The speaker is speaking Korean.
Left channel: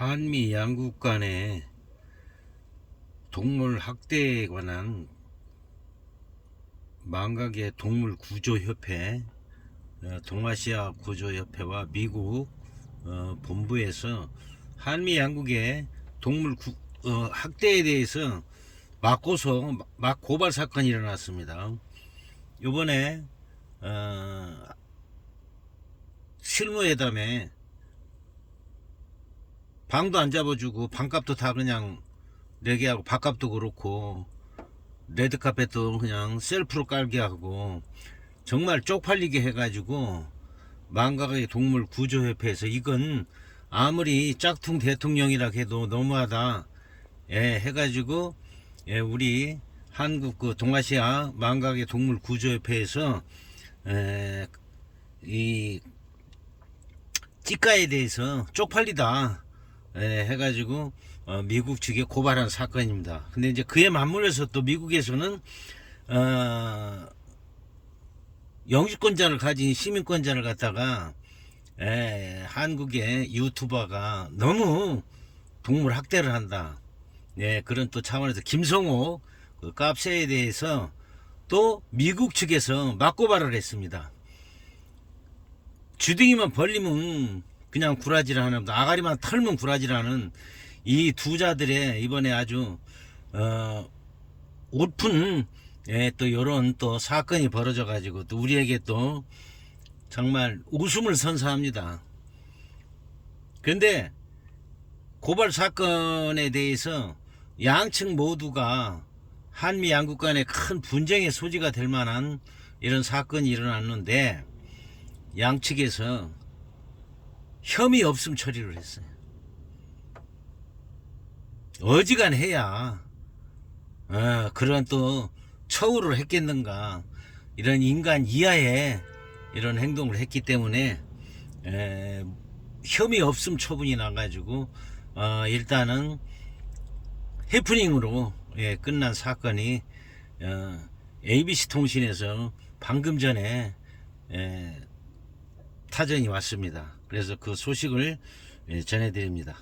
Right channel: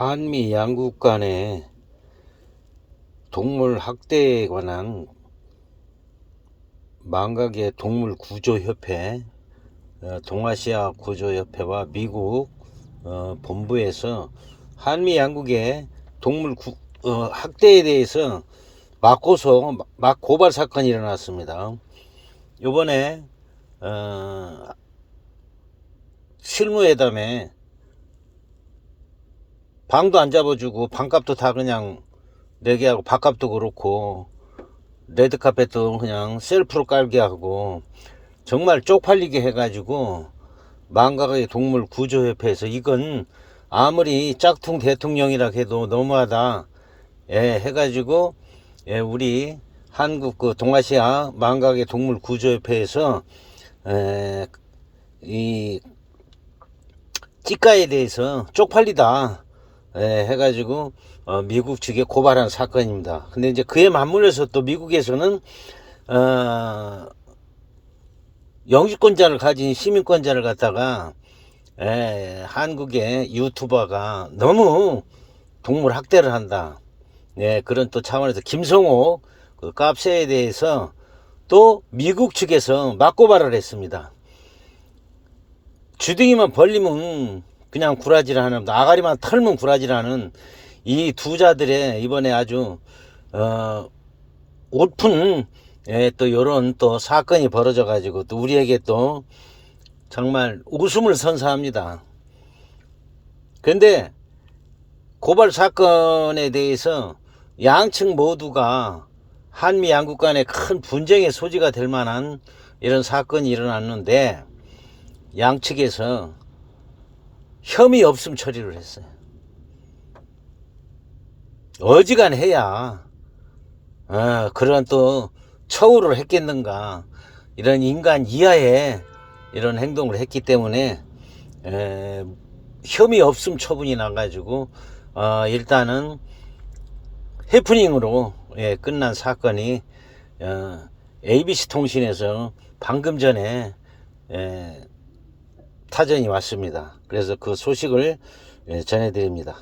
한미 양국 간의 동물 학대에 관한 망각의 동물 구조 협회, 어, 동아시아 구조 협회와 미국 어, 본부에서 한미 양국의 동물 구- 어, 학대에 대해서 맞고서 막 고발 사건이 일어났습니다. 이번에 어, 실무회담에 방도 안 잡아주고 방값도 다 그냥 내게 하고 밥값도 그렇고 레드카펫도 그냥 셀프로 깔게 하고 정말 쪽팔리게 해가지고 망각의 동물 구조협회에서 이건 아무리 짝퉁 대통령이라 해도 너무하다. 예, 해가지고 예, 우리 한국 그 동아시아 망각의 동물 구조협회에서 에, 이 찌까에 대해서 쪽팔리다 예, 해가지고 어, 미국 측에 고발한 사건입니다. 근데 이제 그에 맞물려서 또 미국에서는 어, 영주권자를 가진 시민권자를 갖다가 예, 한국의 유튜버가 너무 동물 학대를 한다. 예, 그런 또 차원에서 김성호 그 깝세에 대해서 또 미국 측에서 맞고발을 했습니다. 주둥이만 벌리면 그냥 구라지를 하는 아가리만 털면 구라지를 하는 이 두 자들의 이번에 아주 어 오픈 예, 또 요런 또 사건이 벌어져 가지고 또 우리에게 또 정말 웃음을 선사합니다. 그런데 고발 사건에 대해서 양측 모두가 한미 양국 간의 큰 분쟁의 소지가 될 만한 이런 사건이 일어났는데 양측에서 혐의 없음 처리를 했어요. 어지간해야 어, 그런 또 처우를 했겠는가 이런 인간 이하의 이런 행동을 했기 때문에 에, 혐의 없음 처분이 나가지고 어, 일단은 해프닝으로 예, 끝난 사건이 어, ABC 통신에서 방금 전에 예, 타전이 왔습니다. 그래서 그 소식을 예, 전해드립니다.